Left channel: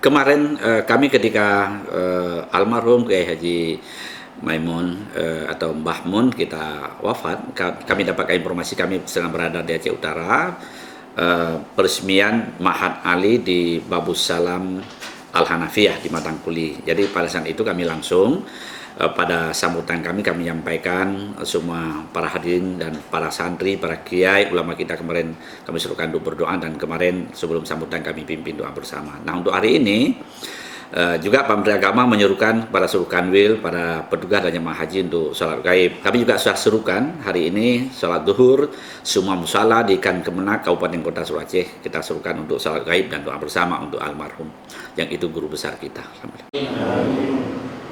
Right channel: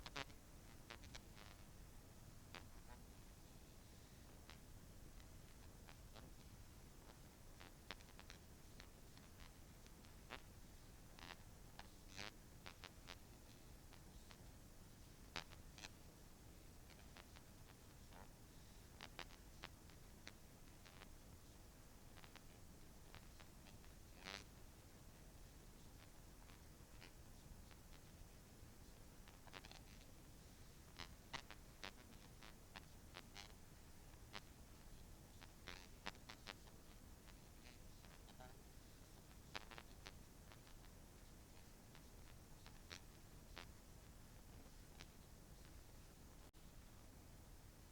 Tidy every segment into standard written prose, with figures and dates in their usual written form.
Kemarin kami ketika almarhum Kiai Haji Maimun atau Mbah Mun kita wafat, kami dapatkan informasi, kami sedang berada di Aceh Utara, peresmian Ma'had Ali di Babus Salam Al-Hanafiyah di Matangkuli. Jadi pada saat itu kami langsung pada sambutan kami menyampaikan semua para hadirin dan para santri, para kiai, ulama kita kemarin kami serukan untuk berdoa, dan kemarin sebelum sambutan kami pimpin doa bersama. Nah, untuk hari ini juga Pak Menteri Agama menyerukan pada seluruh kanwil, para petugas dan jemaah haji untuk sholat gaib. Kami juga sudah serukan hari ini sholat duhur, semua musala di Ikan Kemenak, Kabupaten Kota Seru Aceh, kita serukan untuk sholat gaib dan doa bersama untuk almarhum, yang itu guru besar kita.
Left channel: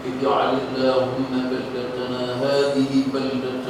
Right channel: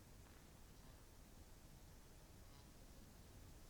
اجعل اللهم بلدتنا هذه بلدة